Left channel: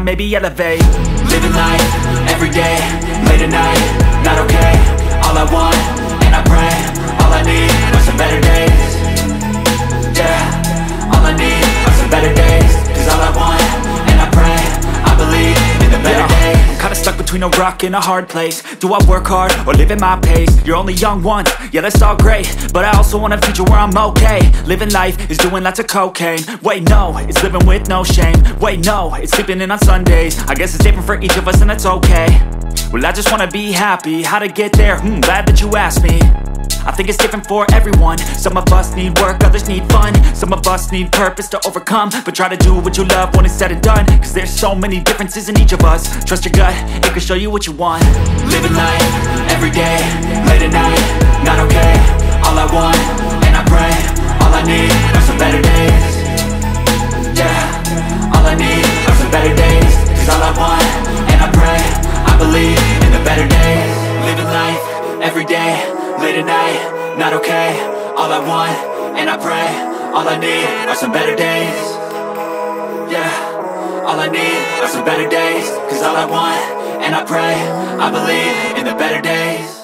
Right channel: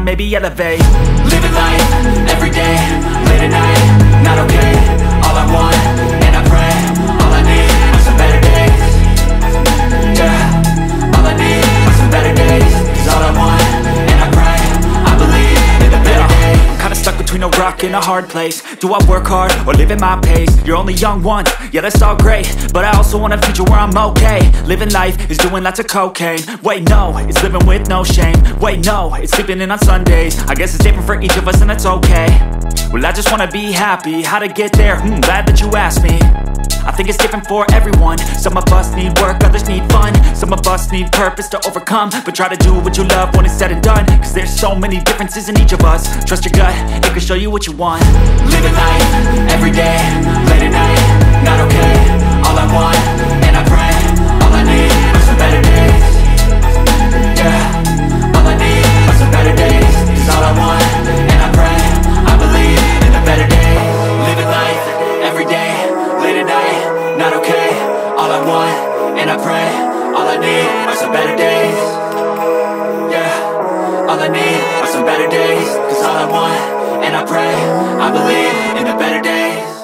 climb, maybe elevate. Living life, every day, late at night, not okay. All I want, and I pray, all I need are some better days. Yeah, all I need are some better days. Cause all I want, and I pray, I believe in the better days. I'm kinda stuck between a rock and a hard place. Do I work hard or live at my pace? You're only young once, yeah that's all great, but I also want a future where I'm okay. Living life is doing lots of cocaine. Wait no, it's living with no shame. Wait no, it's sleeping in on Sundays. I guess it's different for each of us and that's okay. Well I just wanna be happy, how to get there? Glad that you asked me. I think it's different for everyone. Some of us need work, others need fun. Some of us need purpose to overcome. But try to do what you love when it's said and done. Cause there's so many differences in each of us. Trust your gut, it can show you what you want. Living life, every day, late at night, not okay. All I want, and I pray, all I need are some better days. Yeah, all I need are some better days. Cause all I want, and I pray, I believe in the better days. Living life, every day, late at night, not okay. All I want, and I pray, all I need are some better days. Yeah, all I need are some better days. Cause all I want, and I pray, I believe in the better days.